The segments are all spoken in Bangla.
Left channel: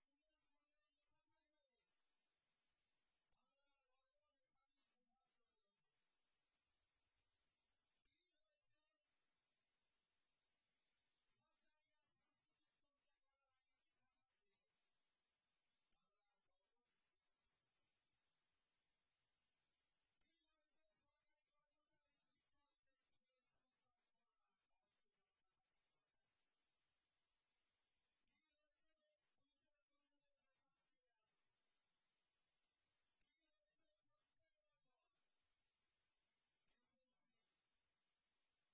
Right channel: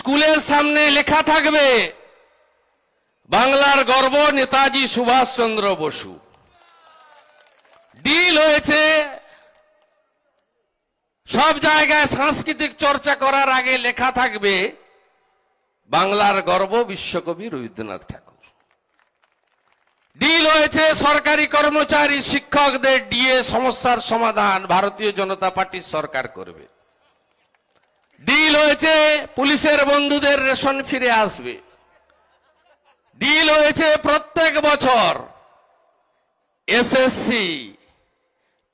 স্কুলের সামনে লেখা থাকবে বাংলার গর্ব নেতাজি সুভাষচন্দ্র বসু। ডিল হয়েছে সব জায়গায় সাংস্কৃতিক চর্চা করার আগে লেখা থাকবে বাংলার গর্ব বিশ্বকবি রবীন্দ্রনাথ ঠাকুর। ডিল হয়েছে সরকারি কর্মচারী শিক্ষকদের ডিএ সমস্যার সমাধান ভারতীয় জনতা পার্টির সরকার করবে। ডিল হয়েছে পুলিশের বন্ধুদের রেশন ফিরে আসবে। ডিল হয়েছে প্রত্যেক বছর SSC,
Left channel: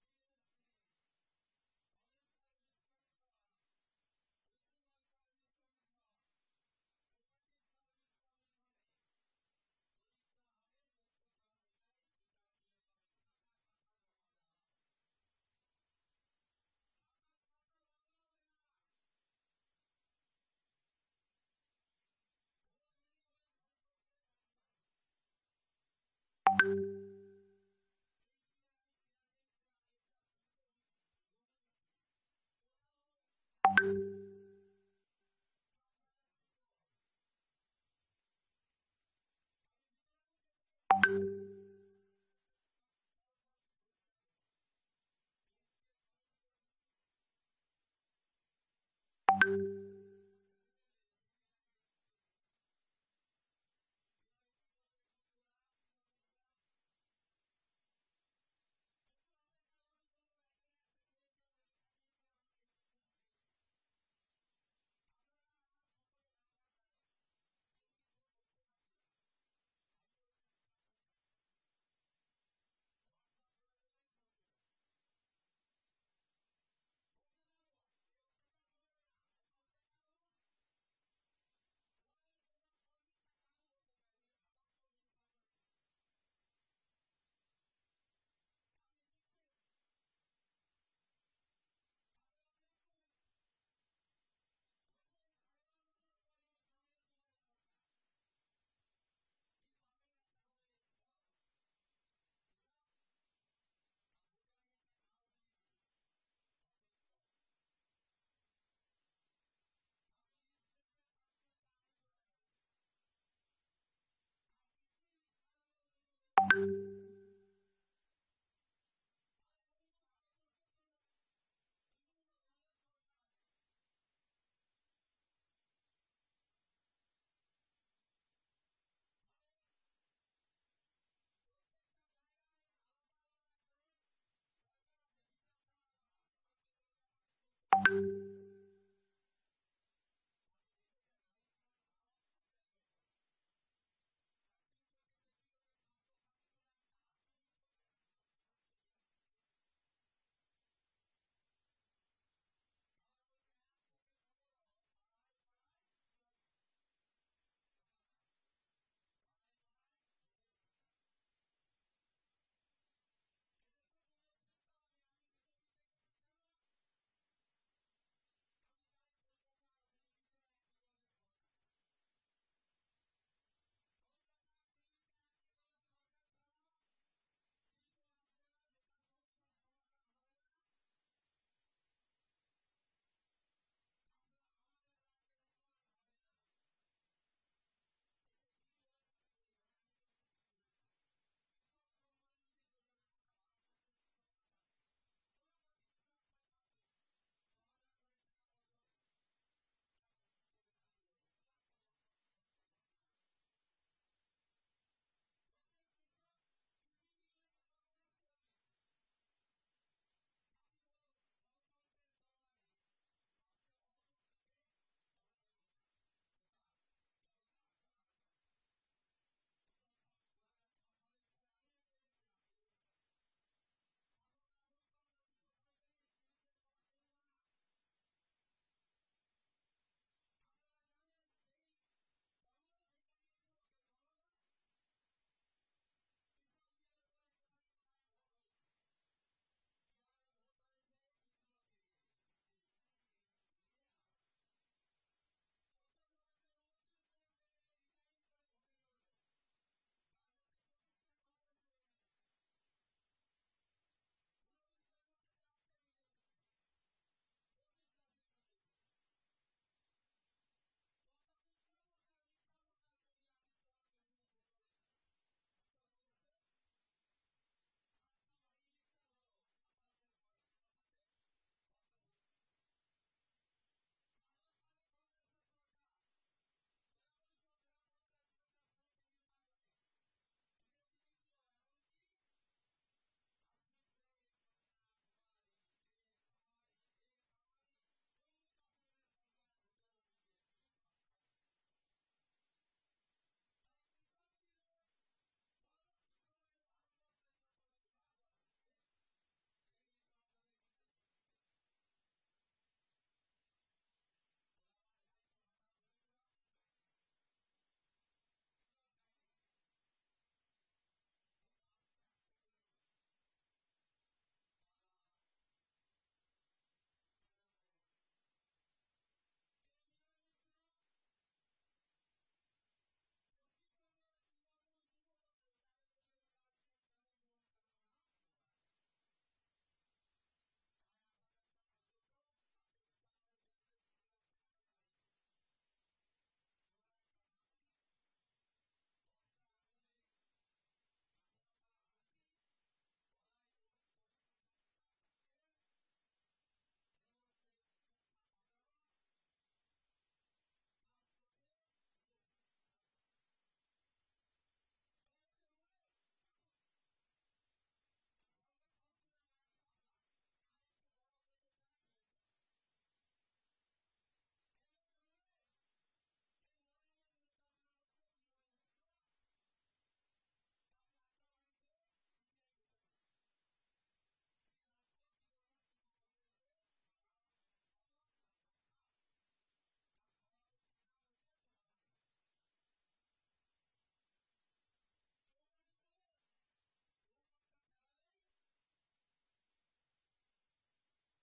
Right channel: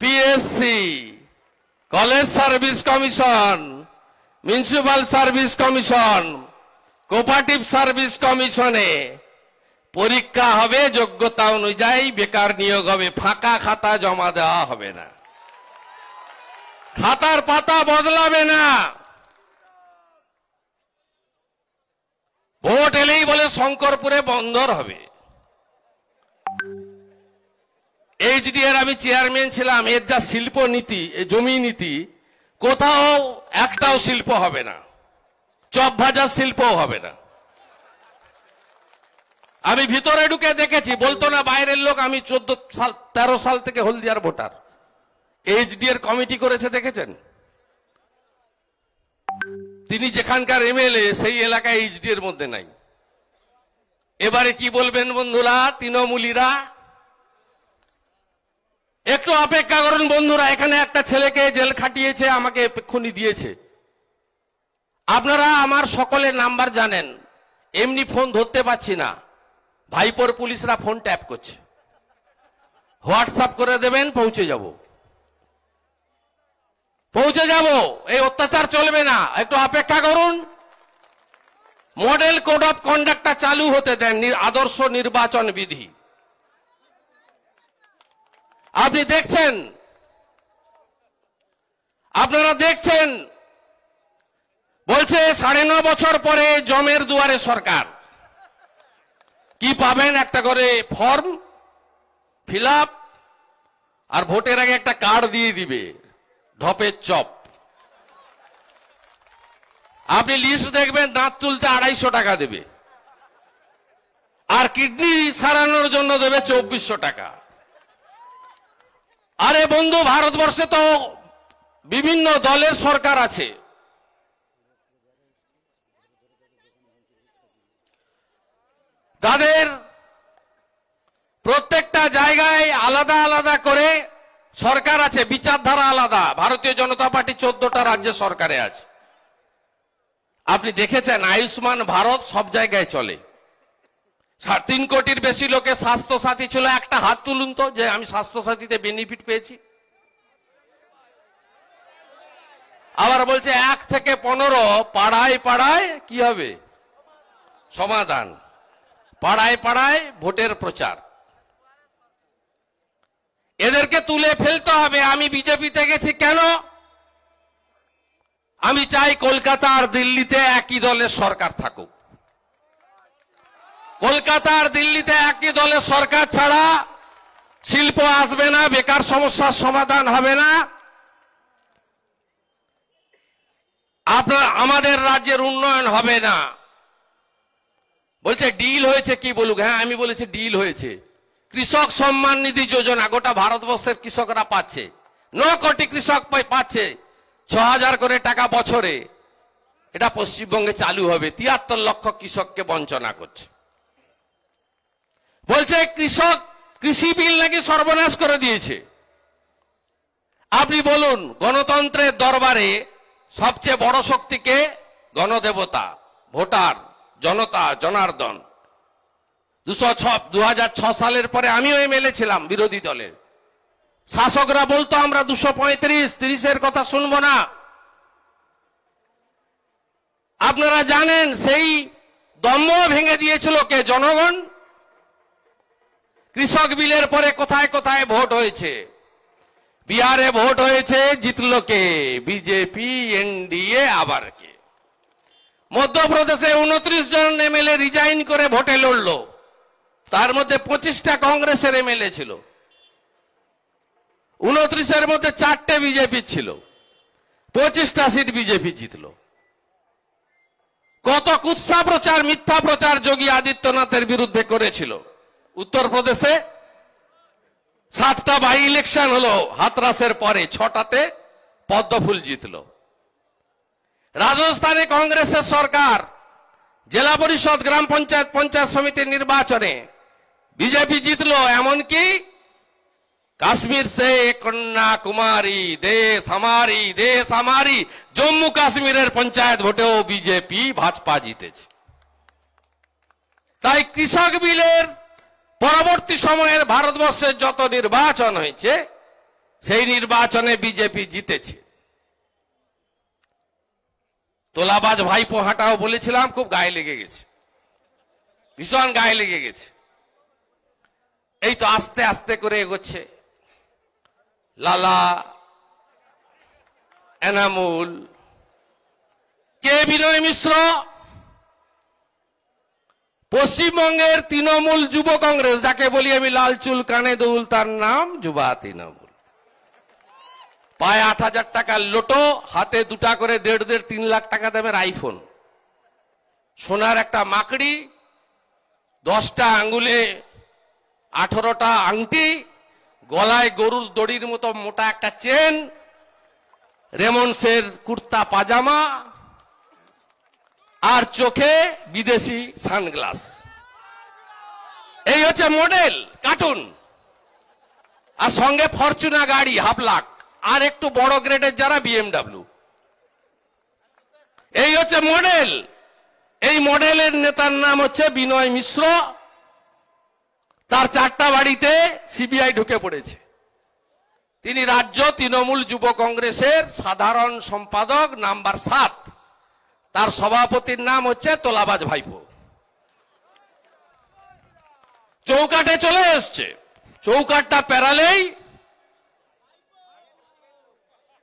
PSC, college service commission, municipal service commission, cooperative service কমিশনে পরীক্ষা হবে, যোগ্যতা অনুযায়ী বেকার নিয়োগ হবে, ফাঁকা খাতা জমা দেওয়া হবে না, খাতার পাতা বদলাবে না। ভোট এলেই বলে শঙ্করপুরে বন্দর হবে। এইচডিএর আমি চেয়ারম্যান ছিলাম, এর যা শিল্প নীতি, জমি নীতি, কোথাও একটাও শিল্প হবে না, চপ ভাজার শিল্পও হবে না। আমি ভিতরে ঢুকে দেখেছি, বলতো না বাইরের লোক, আমি 13 সাল থেকে হলদিয়ার ভোটার। এইচডিএর কমিটি করেছে দেখেছেন? তিনি যেখানকার এমএলএ সেই এলাকায় এইচডি এর মধ্যে নাই। এবারে কি বলবেন বন্ধুরা, তৃণমূলীরা? একটু অপেক্ষা করুন বন্ধুরা। এখানে একটা ছেলেকে জেল খাটিয়েছে, আমাকে এক্ষুনি দিয়েছে। আপনারা আমার সকলের নাম্বার জানেন, এমনি ফোন ধরতে পারছি না, ভাইপোর পুলিশরা ফোন ট্যাপ করছে। হোয়াটসঅ্যাপ করে দেবেন, পৌঁছে যাব, পৌঁছে যাব। এই অত্যাচার চলবে না, একটু অপেক্ষা করুন। মডেল কোড অফ কন্ডাক্টটা চালু হতে দেন, আদর্শ নির্বাচন বিধি। আপনি দেখছেন, আপনারা দেখছেন, বলছে 9.5 বছর পরে জমের দুয়ারে সরকার। কি পাবেন? একটা করে ফর্ম ফিল আপ, আর ভোটের আগে একটা কার্ড দিয়ে দিবে, ঢপের চপ। আপনি লিস্ট দেখবেন, দাঁত তুলতে 250 টাকা দেবে, আর কিডনি সারানোর জন্য দেবে 2400 টাকা। আরে বন্ধু, ভারতবর্ষে তো বিভিন্ন দলের সরকার আছে। তাদের প্রত্যেকটা জায়গায় আলাদা আলাদা করে সরকার আছে, বিচারধারা আলাদা। ভারতীয় জনতা পার্টি 14টা রাজ্যে সরকারে আছে। আপনি দেখেছেন আয়ুষ্মান ভারত সব জায়গায় চলে। 3 কোটির বেশি লোকের স্বাস্থ্য সাথী ছিল। একটা হাত তুলুন তো যে আমি স্বাস্থ্য সাথীতে বেনিফিট পেয়েছি। আবার বলছে 1 থেকে 15 পাড়ায় পাড়ায় কি হবে? সমাধান। পাড়ায় পাড়ায় ভোটের প্রচার। এদেরকে তুলে ফেলতে হবে। আমি বিজেপিতে গেছি কেন? আমি চাই কলকাতা আর দিল্লিতে একই দলের সরকার থাকুক। কলকাতা আর দিল্লিতে একই দলের সরকার ছাড়া শিল্প আসবে না, বেকার সমস্যার সমাধান হবে না, আমাদের রাজ্যের উন্নয়ন হবে না। বলছে ডিল হয়েছে, কি বলুক? হ্যাঁ, আমি বলেছি ডিল হয়েছে। কৃষক সম্মান নিধি যোজনা গোটা ভারতবর্ষের কৃষকরা পাচ্ছে। 9 কোটি কৃষক পাচ্ছে 6000 করে টাকা বছরে। এটা পশ্চিমবঙ্গে চালু হবে। 73 লক্ষ কৃষককে বঞ্চনা করছে। বলছে কৃষি বিল নাকি সর্বনাশ করে দিয়েছে। আপনি বলুন, গণতন্ত্রের দরবারে সবচেয়ে বড় শক্তিকে? গণদেবতা, ভোটার, জনতা, জনার্দন। 2006 সালের পরে আমিও এমএলএ ছিলাম বিরোধী দলের। শাসকরা বলতো আমরা 235-30-এর কথা শুনবো না। আপনারা জানেন সেই দম্ভ ভেঙে দিয়েছিল কে? জনগণ। কৃষক বিলের পরে কোথায় কোথায় ভোট হয়েছে? বিহারে ভোট হয়েছে, জিতলো কে? বিজেপি, এনডিএ, আবার কে? মধ্যপ্রদেশে 29 জন এমএলএ রিজাইন করে ভোটে লড়লো। তার মধ্যে 25টা কংগ্রেসের এমএলএ ছিল। 29-এর মধ্যে 4টে বিজেপি ছিল। 25টা সিট বিজেপি জিতলো। কত কুৎসা প্রচার, মিথ্যা প্রচার যোগী আদিত্যনাথের বিরুদ্ধে করেছিল। উত্তরপ্রদেশে 7টা বাই ইলেকশন হলো হাতরাসের পরে, 6টাতে পদ্মফুল জিতলো। রাজস্থানে কংগ্রেসের সরকার জেলা পরিষদ, গ্রাম পঞ্চায়েত, পঞ্চায়েত সমিতির নির্বাচনে বিজেপি জিতলো। এমনকি কাশ্মীর সে কন্যাকুমারী দেশ আমারি জম্মু কাশ্মীরের পঞ্চায়েত ভোটেও বিজেপি ভাজপা জিতেছে। তাই কৃষক বিলের পরবর্তী সময়ের ভারতবর্ষের যত নির্বাচন হয়েছে সেই নির্বাচনে বিজেপি জিতেছে। তোলাবাজ ভাইপো হাঁটাও বলেছিলাম, খুব গায়ে লেগে গেছে, ভীষণ গায়ে লেগে গেছে। এই তো আস্তে আস্তে করে এগোচ্ছে। লালা, এনামুল, কে বিনয় মিশ্র, পশ্চিমবঙ্গের তৃণমূল যুব কংগ্রেস, যাকে বলি আমি লাল চুল কানে দুল, তার নাম যুবা তৃণমূল। পায়ে 8,000 টাকার লোটো, হাতে 2টা করে 1.5-3 লাখ টাকা দামের আইফোন, সোনার একটা মাকড়ি, 10টা আঙ্গুলে 18টা আংটি, গলায় গরুর দড়ির মতো মোটা একটা চেন, রেমন্ডসের কুর্তা পাজামা, আর চোখে বিদেশি সানগ্লাস। এই হচ্ছে মডেল, কার্টুন। আর সঙ্গে ফরচুনা গাড়ি 1.5 লাখ, আর একটু বড় গ্রেডের যারা BMW। এই হচ্ছে মডেল। এই মডেলের নেতার নাম হচ্ছে বিনয় মিশ্র। তার 4টা বাড়িতে সিবিআই ঢুকে পড়েছে। তিনি রাজ্য তৃণমূল যুব কংগ্রেসের সাধারণ সম্পাদক নাম্বার 7। তার সভাপতির নাম হচ্ছে তোলাবাজ ভাইপো। চৌকাঠে চলে এসছে। চৌকাঠটা পেরালেই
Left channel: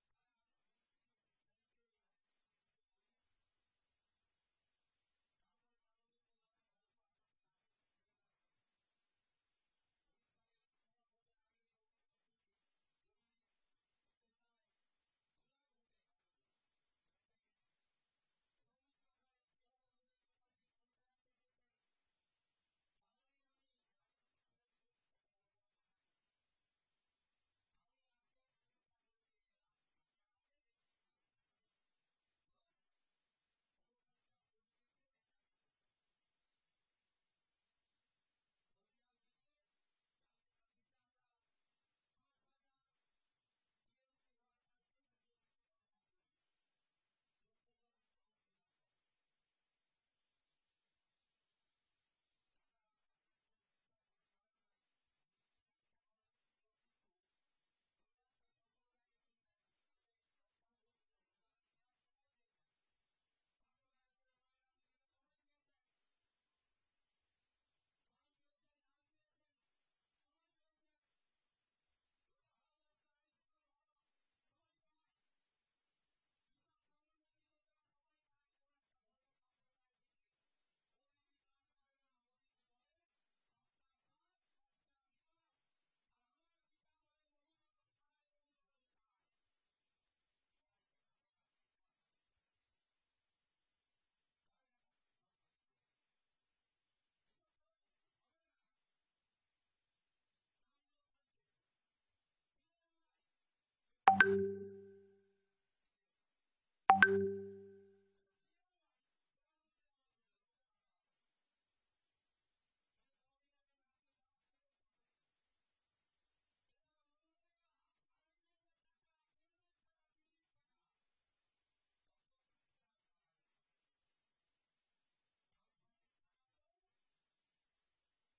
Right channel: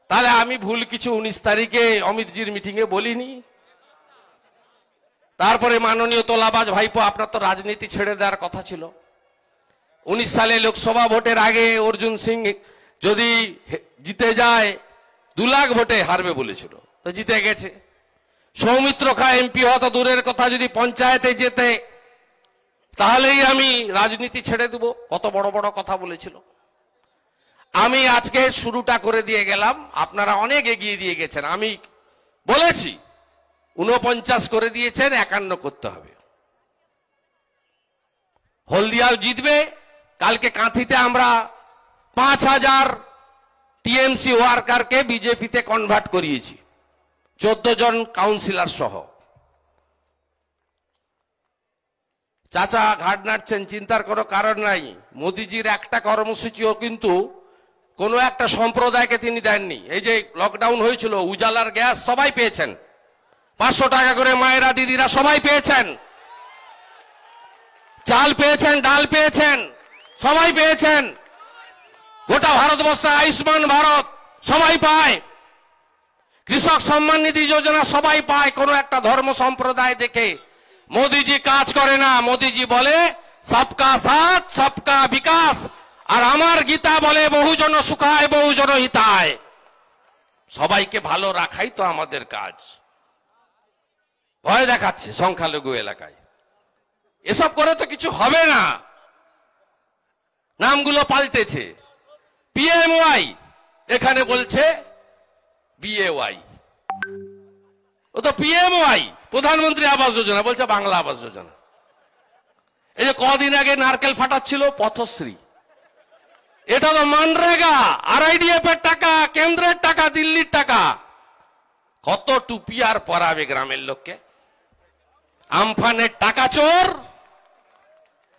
তাহলে আমি ভুল কিছু 19 তারিখে অমিতজির মিটিংয়ে বলিনি। তারপরে মাননীয় তোলাবাজ ভাইপো, আপনার তো রাজনীতি ছেড়ে দেওয়ার কথা ছিল। 19 সালে লোকসভা ভোটের আগে অর্জুন সিং যদি জিতে যায় 2 লাখ ভোটে হারবে বলেছিল, তো জিতে গেছে। সৌমিত্র খা এমপি হওয়া তো দূরের কথা, যদি পঞ্চায়েতে যেতে তাহলেই আমি রাজনীতি ছেড়ে দেব, কত বড় বড় কথা বলেছিল। আমি আজকে শুরুটা করে দিয়ে গেলাম, আপনারা অনেক এগিয়ে দিয়ে গেছেন। আমি বলেছি 49 করে দিয়েছেন, 51 করতে হবে। হলদিয়াও জিতবে। কালকে কাঁথিতে আমরা 5,000 টিএমসি ওয়ার্কারকে বিজেপিতে কনভার্ট করিয়েছি, 14 জন কাউন্সিলর সহ। চাচা ঘাট নাড়ছেন, চিন্তার কোনো কারণ নাই। মোদিজির একটা কর্মসূচিও কিন্তু কোনো একটা সম্প্রদায়কে তিনি দেননি। এই যে লকডাউন হয়েছিল, উজালার গ্যাস সবাই পেয়েছেন, 500 টাকা করে মায়েরা দিদিরা সবাই পেয়েছেন, চাল পেয়েছেন, ডাল পেয়েছেন, সবাই পেয়েছেন। গোটা ভারতবর্ষে আয়ুষ্মান ভারত সবাই পায়, কৃষক সম্মান নিধি যোজনা সবাই পায়। কোন একটা ধর্ম সম্প্রদায় দেখে মোদিজি কাজ করে না। মোদিজি বলে সবকা সাথ সবকা বিকাশ, আর আমার গীতা বলে বহুজন সুখায় বহুজন হিতায়। সবাইকে ভালো রাখাই তো আমাদের কাজ। ভয় দেখাচ্ছে সংখ্যালঘু এলাকায়, এসব করে তো কিছু হবে না। নামগুলো পাল্টেছে, পিএমওয়াই এখানে বলছে বিএওয়াই। ও তো পিএমওয়াই, প্রধানমন্ত্রী আবাস যোজনা, বলছে বাংলা আবাস যোজনা। এই যে কদিন আগে নারকেল ফাটাচ্ছিল পথশ্রী, এটা তো মানরেগা, আরআইডিএফ এর টাকা, কেন্দ্রের টাকা, দিল্লির টাকা। কত টুপি আর পরাবে গ্রামের লোককে। আমফানের টাকা চোর।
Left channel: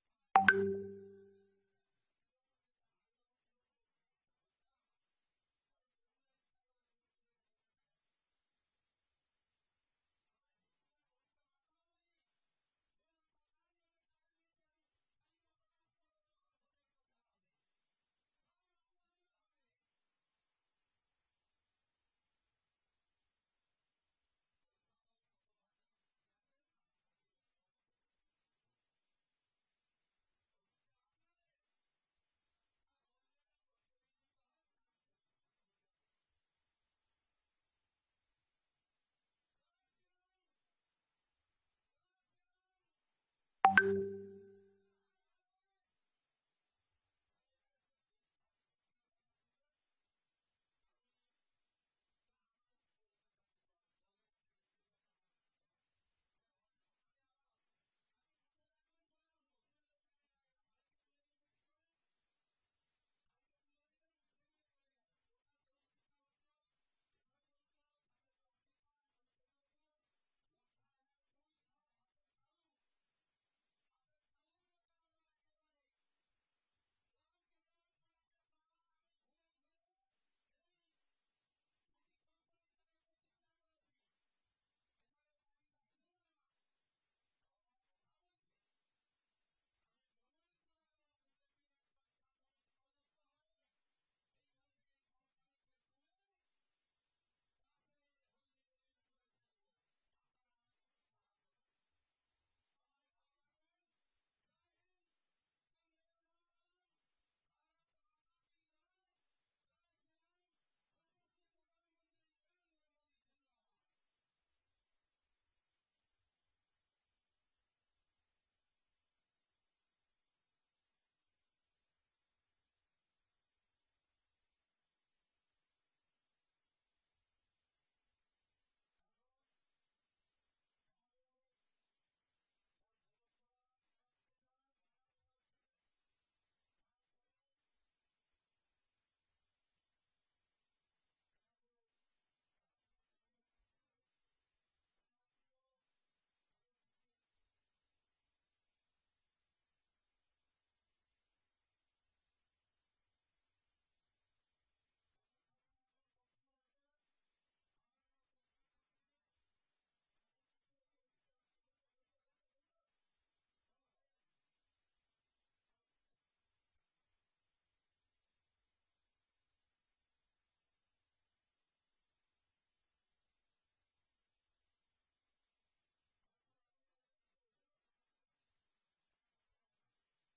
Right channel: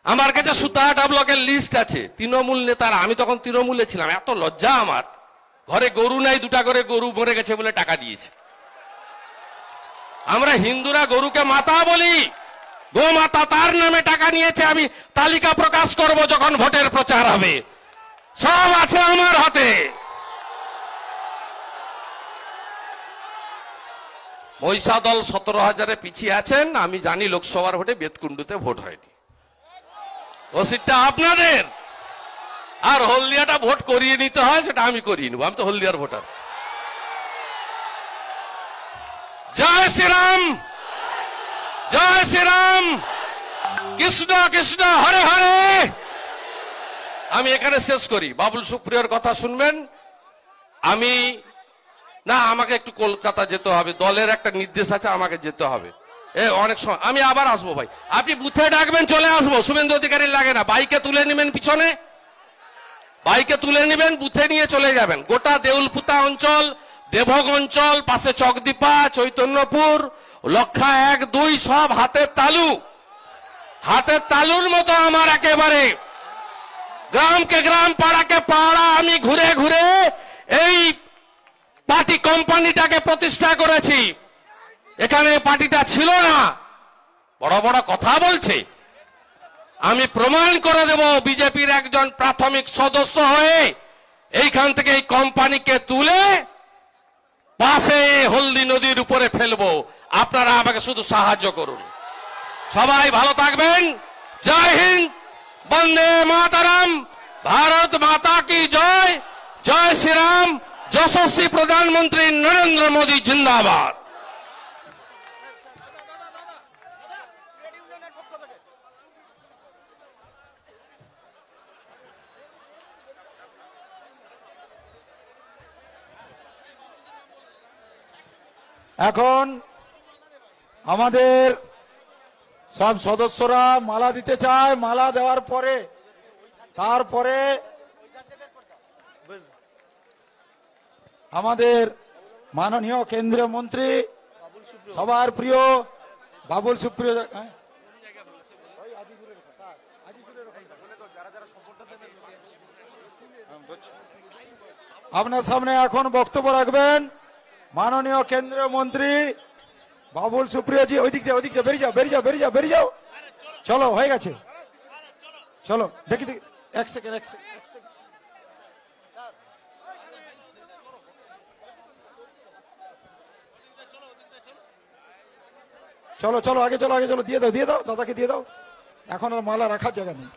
আমার কাছে সুতাহাটা ব্লকের লিস্ট আছে তৃণমূল নেতারা, আমি তখন তৃণমূলে ছিলাম, এত লজ্জা আমার। ঘরে গরু নাই, 2টা করে গরু মরে গেছে বলে টাকা দিয়েছে। আমরা হিন্দুরা গরুকে মাতা বলি, গো মাতা, তার নামে টাকা নিয়েছে। আমি তালিকা প্রকাশ করব যখন ভোটের প্রচার হবে, সব আছে আমার হাতে। মহিষা দল 17,000-এ পিছিয়ে আছেন। আমি জানি লোকসভার ভোটে বেতকুণ্ডুতে ভোট হয়নি, ও সিটটা আপনাদের। আর হলদিয়াটা ভোট করিয়ে নিতে হয়, সেটা আমি করিয়ে নেব, আমি তো হলদিয়ার ভোটার। জয় শ্রীরাম, শ্রীরাম, কৃষ্ণ কৃষ্ণ হরে হরে। আমি এখানে শেষ করি, বাবুল সুপ্রিয়র কথা শুনবেন। আমি না, আমাকে একটু কলকাতা যেতে হবে, দলের একটা নির্দেশ আছে, আমাকে যেতে হবে। অনেক সময় আমি আবার আসবো ভাই, আপনি বুথে ডাকবেন, চলে আসবো। শুভেন্দু অধিকারী লাগে না, বাইকে তুলে নেবেন, পিছনে বাইকে তুলে নেবেন, বুথে নিয়ে চলে যাবেন। গোটা দেউলপুতা অঞ্চল, দেবঘ অঞ্চল, পাশে চকদীপা, চৈতন্যপুর, লক্ষা 1, 2 সব হাতের তালু, হাতের তালুর মতো আমার একেবারে গ্রামকে গ্রাম, পাড়াকে পাড়া আমি ঘুরে ঘুরে এই পার্টি কোম্পানিটাকে প্রতিষ্ঠা করেছি। এখানে পার্টিটা ছিল না, বড় বড় কথা বলছে। আমি প্রমাণ করে দেব, বিজেপির একজন প্রাথমিক সদস্য হয়ে এইখান থেকে এই কোম্পানিকে তুলে পাশে হলদি নদীর উপরে ফেলবো। আপনারা আমাকে শুধু সাহায্য করুন। সবাই ভালো থাকবেন। জয় হিন্দ, বন্দে মাতারাম, ভারত মাতা কি জয়, জয় শ্রীরাম, যশস্বী প্রধানমন্ত্রী নরেন্দ্র মোদী জিন্দাবাদ। এখন আমাদের সব সদস্যরা মালা দিতে চায়। মালা দেওয়ার পরে তারপরে আমাদের মাননীয় কেন্দ্রীয় মন্ত্রী, সবার প্রিয় বাবুল সুপ্রিয়, আপনার সামনে এখন বক্তব্য রাখবেন মাননীয় কেন্দ্রীয় মন্ত্রী বাবুল সুপ্রিয় জি। ওই দিক দিয়ে বেরিয়ে যাও, বেরিয়ে যাও, বেরিয়ে যাও, বেরিয়ে যাও। চলো, হয়ে গেছে, চলো। দেখি দেখি, এক সেকেন্ড। চলো চলো, আগে চলো, আগে চলো। দিয়ে দাও, দাদাকে দিয়ে দাও। এখন আর মালা রাখার জায়গা নেই।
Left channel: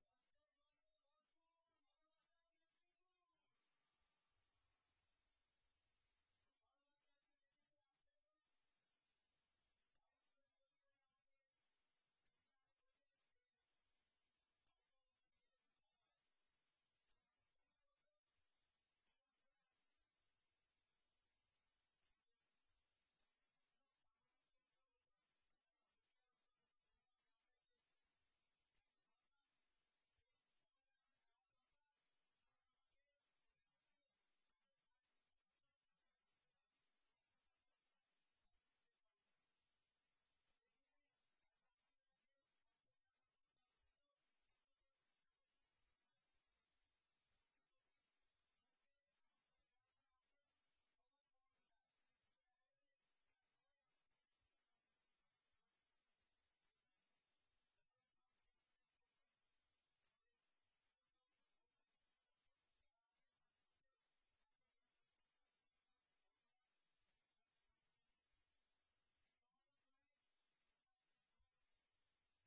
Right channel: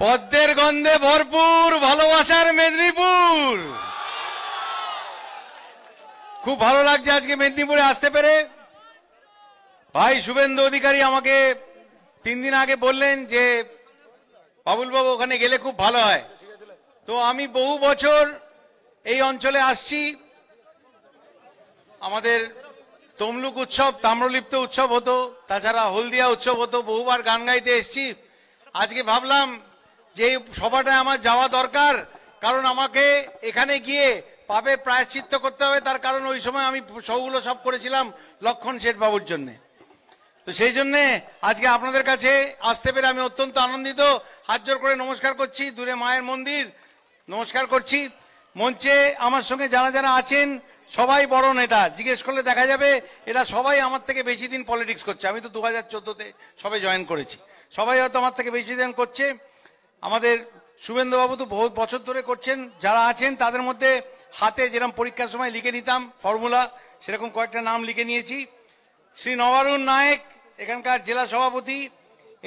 পদ্মের গন্ধে ভরপুর ভালোবাসার মেদিনীপুর। খুব ভালো লাগছে আজকে মেদিনীপুরে আসতে পেরে। ভাই শুভেন্দু অধিকারী আমাকে 3 দিন আগে বললেন যে বাবুল বাবু ওখানে গেলে খুব ভালো হয়। তো আমি বহু বছর এই অঞ্চলে আসছি। আমাদের তমলুক উৎসব, তাম্রলিপ্ত উৎসব হতো, তাছাড়া হলদিয়া উৎসব হতো, বহুবার গান গাইতে এসছি। আজকে ভাবলাম যে এই সভাটায় আমার যাওয়া দরকার, কারণ আমাকে এখানে গিয়ে পাপের প্রায়শ্চিত্ত করতে হবে। তার কারণ ওই সময় আমি শোগুলো সব করেছিলাম লক্ষণ শেঠ বাবুর জন্য। তো সেই জন্যে আজকে আপনাদের কাছে আসতে পেরে আমি অত্যন্ত আনন্দিত। হাত জোর করে নমস্কার করছি, দূরে মায়ের মন্দির নমস্কার করছি। মঞ্চে আমার সঙ্গে যারা যারা আছেন সবাই বড় নেতা, জিজ্ঞেস করলে দেখা যাবে এরা সবাই আমার থেকে বেশি দিন পলিটিক্স করছে। আমি তো 2014-তে সবাই জয়েন করেছি, সবাই হয়তো আমার থেকে বেশি দিন করছে। আমাদের শুভেন্দু বাবু তো বহু বছর ধরে করছেন। যারা আছেন তাদের মধ্যে হাতে যেরকম পরীক্ষার সময় লিখে নিতাম ফর্মুলা, সেরকম কয়েকটা নাম লিখে নিয়েছি। শ্রী নবারুণ নায়েক এখানকার জেলা সভাপতি,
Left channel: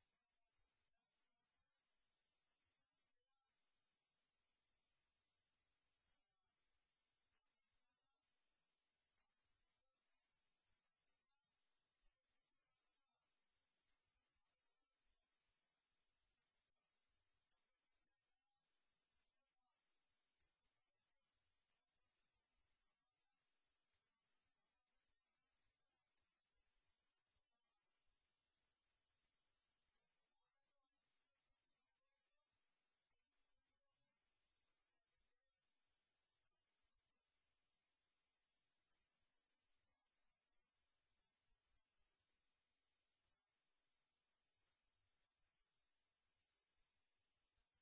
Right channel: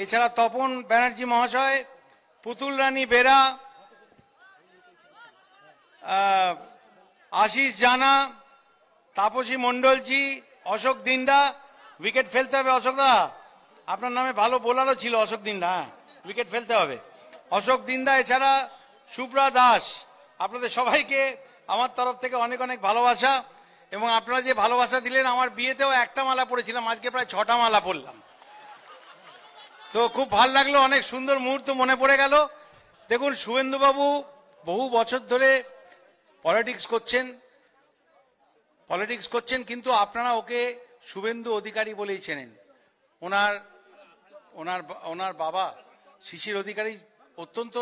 এছাড়া তপন ব্যানার্জি মহাশয়, পুতুল রানী বেরা, আশিস জানা, তাপসী মন্ডলজি, অশোক দিন্ডা। উইকেট ফেলতে হবে অশোক দা, আপনার নামে ভালো বোলারও ছিল অশোক দিন্ডা, উইকেট ফেলতে হবে অশোক দিন্দা। এছাড়া সুব্রা দাস। আপনাদের সবাইকে আমার তরফ থেকে অনেক অনেক ভালোবাসা। এবং আপনারা যে ভালোবাসা দিলেন, আমার বিয়েতেও একটা মালা পরেছিলাম, আজকে প্রায় 6টা মালা পরলাম। তো খুব ভালো লাগলো, অনেক সুন্দর মুহূর্ত মনে পড়ে গেল। দেখুন শুভেন্দুবাবু বহু বছর ধরে পলিটিক্স করছেন, কিন্তু আপনারা ওকে শুভেন্দু অধিকারী বলেই চেনেন। ওনার বাবা শিশির অধিকারী অত্যন্ত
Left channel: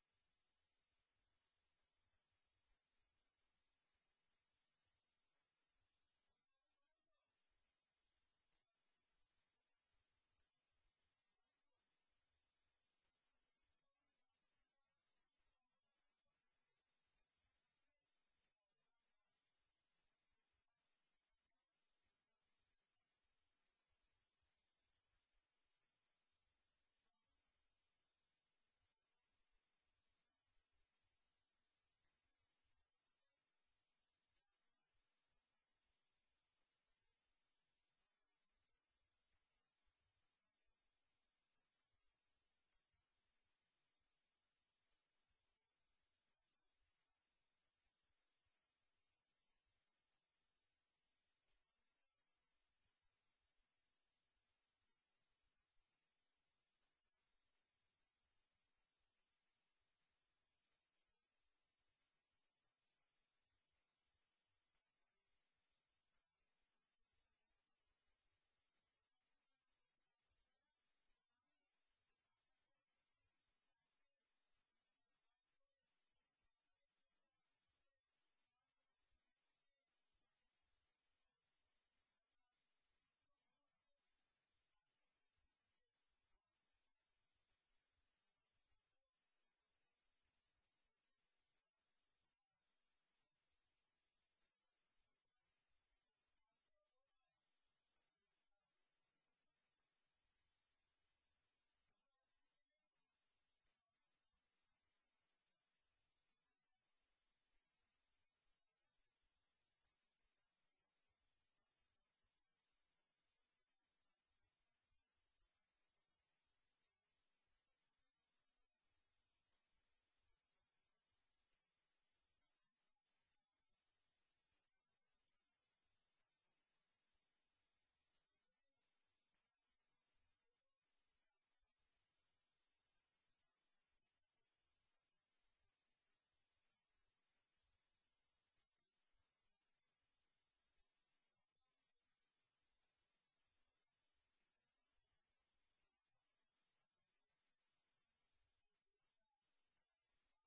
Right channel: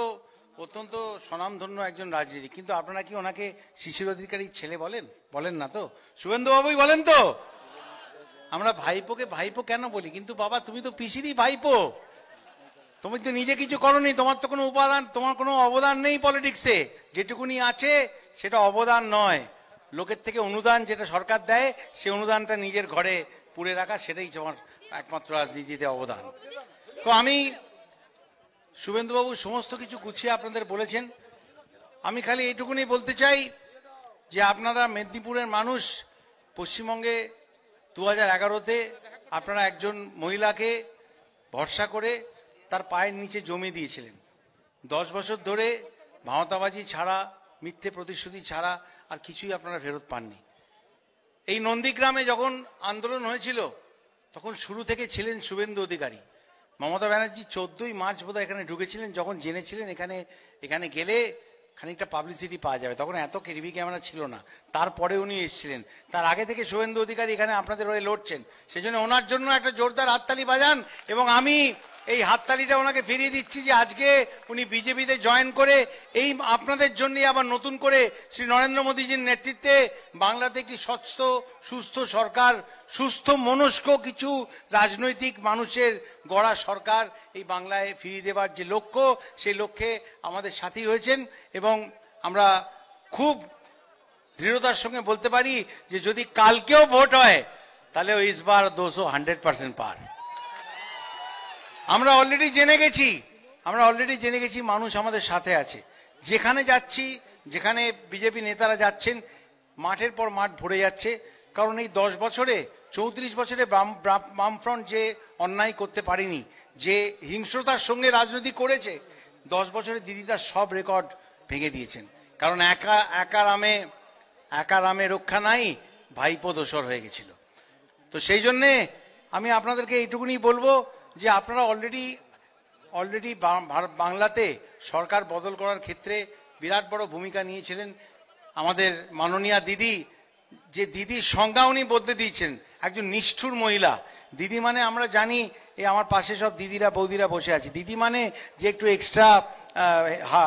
অত্যন্ত স্বনামধন্য একজন রাজনীতি, কিন্তু আপনারা কি ওনাকে শিশির অধিকারীর ছেলে বলেন না তো? শুভেন্দু বাবুই বলেন তো? আমরা ভাইপোকে ভাইপো কেন বলি, কিন্তু বাবা তুমি তো পিসিরই ভাইপো, তুমি তো নিজে কিছু করোনি, তোমার তো কোনো তোমার কোনো অবদান নেই পলিটিক্সে। যেটুকুনি আছে সেটা অবদান নয়, লোকের থেকে অনুদান যেটা সরকার দেয় সেই অনুদানটা নিজের ঘরে পুরে রাখা, সেটাই তোমার একমাত্র রাজনীতিতে অবদান। তো আমি শুভেন্দুবাবু সমস্ত কিছু গুছিয়ে আপনাদের বলেছেন। আমি খালি এইটুকুনি বলতে চাই যে আপনারা মেদিনীপুরের মানুষ, পশ্চিমবঙ্গে 2011-তে আপনারা একজন মহিলাকে ভরসা করে তার পায়ের নিচে জমি দিয়েছিলেন। 10 বছর ধরে ভাঁওতাবাজি ছাড়া, মিথ্যে প্রতিশ্রুতি ছাড়া আর কিছুই আপনারা ফেরত পাননি। এই নন্দীগ্রামে যখন আন্দোলন হয়েছিল তখন শুরু থেকে ছিলেন শুভেন্দু অধিকারী। মমতা ব্যানার্জি 14ই মার্চ বোধহয় এখানে ঢুকেছিলেন, যখন জেনেছিলেন এখানে গেলে খানিকটা পাবলিসিটি পাওয়া যাবে। তখন এত টিভি ক্যামেরা ছিল না, তারপরে উনি এসেছিলেন। তার আগে থেকে শুভেন্দু অধিকারী এখানে আপনাদের হয়ে লড়ছেন, সেজন্য ওনার জন্য একটা জোরদার হাততালি বাজান। এবং আমি এই হাততালিটা ওনাকে ফিরিয়ে দিচ্ছি যে আজকে উনি বিজেপিতে জয়েন করে এই আপনাদের জন্যই আবার নতুন করে শ্রী নরেন্দ্র মোদীজির নেতৃত্বে বাংলাতে একটি স্বচ্ছ সুস্থ সরকার, সুস্থ মনস্ক কিছু রাজনৈতিক মানুষের গড়া সরকার এই বাংলায় ফিরিয়ে দেওয়ার যে লক্ষ্য, সেই লক্ষ্যে আমাদের সাথী হয়েছেন। এবং আমরা খুব দৃঢ়তার সঙ্গে বলতে পারি যে যদি কালকেও ভোট হয় তাহলে ইসবার 200-100% পার। আমরা অলরেডি জেনে গেছি মানুষ আমাদের সাথে আছে। যেখানে যাচ্ছি, যেখানে বিজেপি নেতারা যাচ্ছেন, মাঠের পর মাঠ ভরে যাচ্ছে। কারণ এই 10 বছরে 34 বছরে বামফ্রন্ট যে অন্যায় করতে পারেনি, যে হিংস্রতার সঙ্গে রাজনীতি করেছে, 10 বছরে দিদি তার সব রেকর্ড ভেঙে দিয়েছেন। কারণ একা রামে রক্ষা নাই, ভাইপো দোসর হয়ে গেছিল। তো সেই জন্যে আমি আপনাদেরকে এইটুকুনি বলবো যে আপনারা অলরেডি বাংলাতে সরকার বদল করার ক্ষেত্রে বিরাট বড় ভূমিকা নিয়েছিলেন আমাদের মাননীয়া দিদি। যে দিদির সংজ্ঞা উনি বদলে দিয়েছেন, একজন নিষ্ঠুর মহিলা। দিদি মানে আমরা জানি, এই আমার পাশে সব দিদিরা বৌদিরা বসে আছে, দিদি মানে যে একটু এক্সট্রা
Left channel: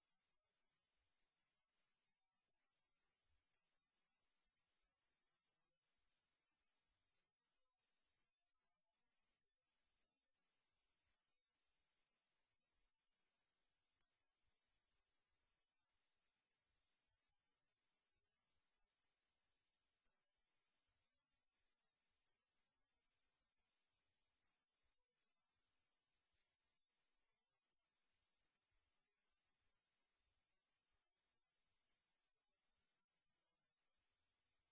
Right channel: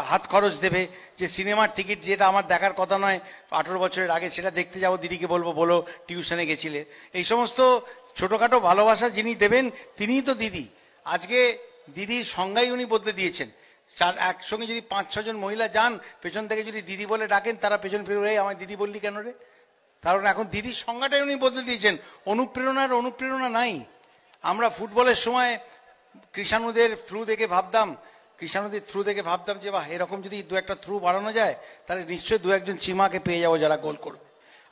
হাত খরচ দেবে, যে সিনেমার টিকিট যেটা আমার দেখার কথা নয় 18 বছরের আগে, সেটা দেখতে যাবো, দিদিকে বলো টিউশনে গেছিলে। এই সমস্ত ছোটখাটো ভালোবাসা যিনি দেবেন তিনিই তো দিদি। আজকে দিদির সংজ্ঞাই উনি বদলে দিয়েছেন। একসঙ্গে যদি 5-6 জন মহিলা যান, পেছন থেকে যদি দিদি বলে ডাকেন, তারা পেছন ফিরে আমায় দিদি বললি কেন রে? কারণ এখন দিদির সংজ্ঞাটাই উনি বদলে দিয়েছেন। অনুপ্রেরণা নাই। আমরা ফুটবলের সময় কৃষাণুদের থ্রু দেখে ভাবতাম যে বাহ, এরকম যদি 2-1টা থ্রু বাড়ানো যায় তাহলে নিশ্চয়ই 2-1 জন চিমাকে পেয়ে যাবো যারা গোল করবে।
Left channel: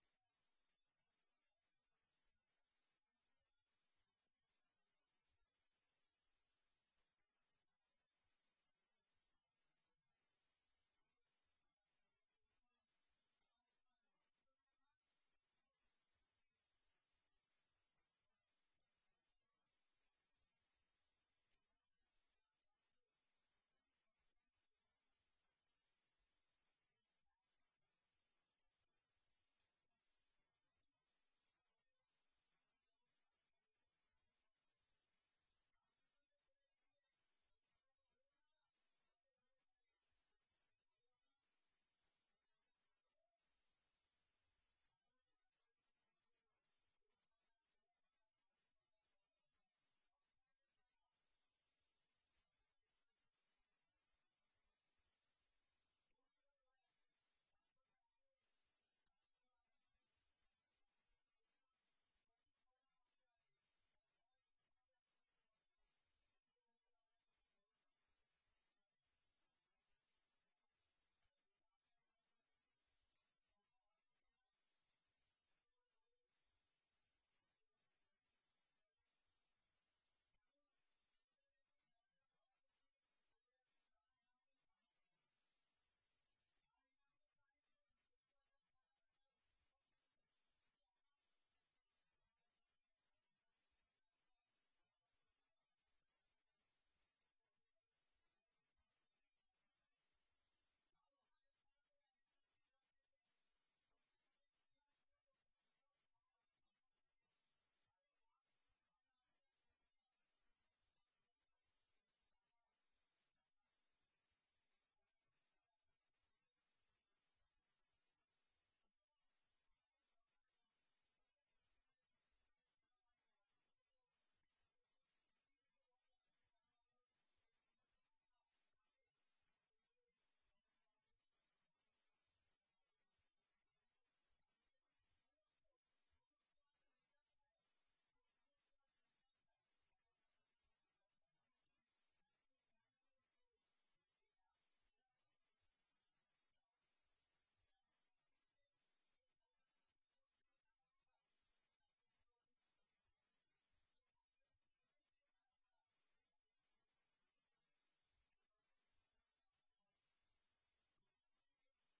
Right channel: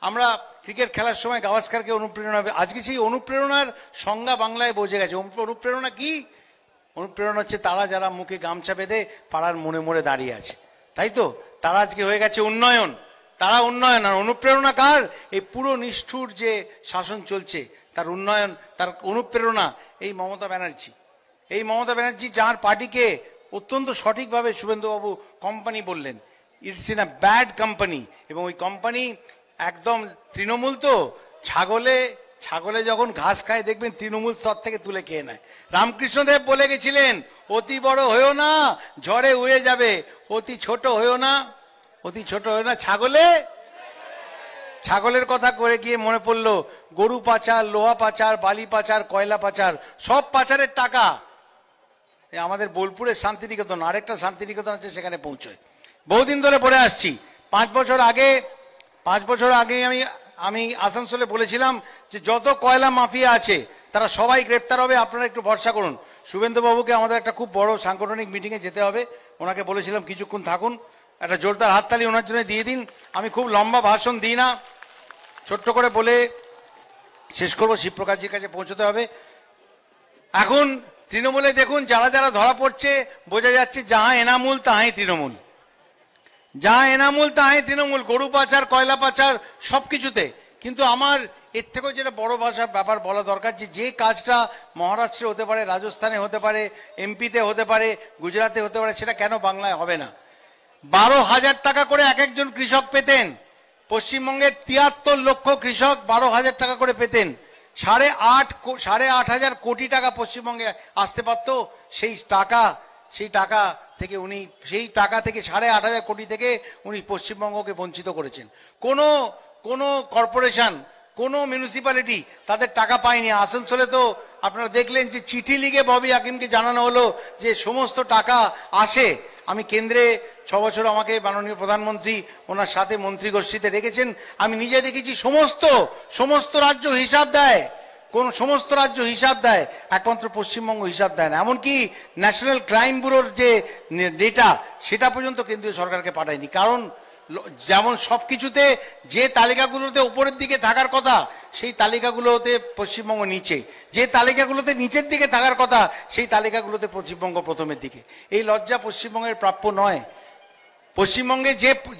আমরা ক্রিকেট খেলার সময় গাভাস্কারকে অনুপ্রেরণা হবে। আজকে সেই অনুপ্রেরণার সংজ্ঞা বাংলায় বসে গেছে। অনুপ্রেরণা কি? অনুপ্রেরণা হচ্ছে তারা যারা মুখে গামছা বেঁধে পাড়ার মোড়ে দাঁড়িয়ে আছে, তাই তো? তারা আজকে হয়ে গেছে উন্নয়ন। তারা উন্নয়ন। আর অনুপ্রেরণা কার? এই পুরো নিষ্ঠুর যে শাসন চলছে তার উন্নয়ন, তার অনুপ্রেরণা এই মমতা ব্যানার্জি, যার পার্টিকে অত্যন্ত সঠিকভাবে শুভেন্দুবাবু কোম্পানি বললেন। It's in a bad company. এবং ওই কোম্পানি একদম তৃণমূল। তো ছাগলে যখন ঘাস খায় দেখবেন তৃণমূল স্তর থেকে তুলে খেয়ে নেয়। রামকৃষ্ণদেব বলে গেছিলেন, অতি বড় হয়েও না, ঝড়ে উড়ে যাবে, অতি ছোট হয়েও না। ছাগলের কথা করে গিয়ে মনে পড়লো গরু পাচার, লোহা পাচার, বালি পাচার, কয়লা পাচার, সব পাচারের টাকা আমাদের বোলপুরের শান্তিনিকেতন, আরেকটা শান্তিনিকেতন আছে, সেখানে পৌঁছয়। বহুদিন ধরে পড়ে আসছি। 5 বছর আগে আমি আসানসোলে বলেছিলাম যে যত কয়লা মাফিয়া আছে তারা সবাই গ্রেপ্তার হবে, আপনারা একটু ভরসা করুন। শুভেন্দু বাবুকে আমাদের একটা খুব বড় সাংগঠনিক মিটিংয়ে যেতে হবে, ওনাকে বলেছিলাম কিছুক্ষণ থাকুন, একটা জোরদার হাততালি ওনার জন্য দিয়ে দিন। আমি খুব লম্বা ভাষণ দিই না, ছোট্ট করে বলে শেষ করবো। শিবপ্রকাশজির কাছে পৌঁছতে হবে। এখন তৃণমূলে দেখুন যারা ধরা পড়ছে, বোঝা যাচ্ছে যাহা এনামূল তাহাই তৃণমূল, গরু পাচার, কয়লা পাচার, সবকিছুতে। কিন্তু আমার এর থেকেও যেটা বড় ব্যাপার বলা দরকার, যে কাজটা মহারাষ্ট্রে হতে পারে, রাজস্থানে হতে পারে, এমপিতে হতে পারে, গুজরাটে হতে পারে, সেটা কেন বাংলায় হবে না? 12,000 টাকা করে এক একজন কৃষক পেতেন। পশ্চিমবঙ্গের 73 লক্ষ কৃষক 12,000 টাকা করে পেতেন। 8,500 কোটি টাকা পশ্চিমবঙ্গে আসতে পারত। সেই টাকা থেকে 8,500 কোটি থেকে উনি পশ্চিমবঙ্গকে বঞ্চিত করেছেন। কোনো কর্পোরেশন, কোনো মিউনিসিপ্যালিটি তাদের টাকা পায়নি। আসানসোলে তো আপনারা দেখলেন যে চিঠি লিখে ববি হাকিমকে জানানো হলো যে সমস্ত টাকা আসে। আমি কেন্দ্রে 6 বছর আমাকে মাননীয় প্রধানমন্ত্রী ওনার সাথে মন্ত্রী গোষ্ঠীতে রেখেছেন। আমি নিজে দেখেছি সমস্ত রাজ্য হিসাব দেয়। কোন সমস্ত রাজ্য হিসাব দেয়, একমাত্র পশ্চিমবঙ্গ হিসাব দেয় না। এমনকি ন্যাশনাল ক্রাইম ব্যুরোর যে ডেটা সেটা পর্যন্ত কেন্দ্রীয় সরকারকে পাঠায়নি। কারণ যেমন সবকিছুতে যে তালিকাগুলোতে উপরের দিকে থাকার কথা সেই তালিকাগুলোতে পশ্চিমবঙ্গ নিচে, যে তালিকাগুলোতে নিচের দিকে থাকার কথা সেই তালিকাগুলোতে পশ্চিমবঙ্গ প্রথমের দিকে। এই লজ্জা পশ্চিমবঙ্গের প্রাপ্য নয়। পশ্চিমবঙ্গে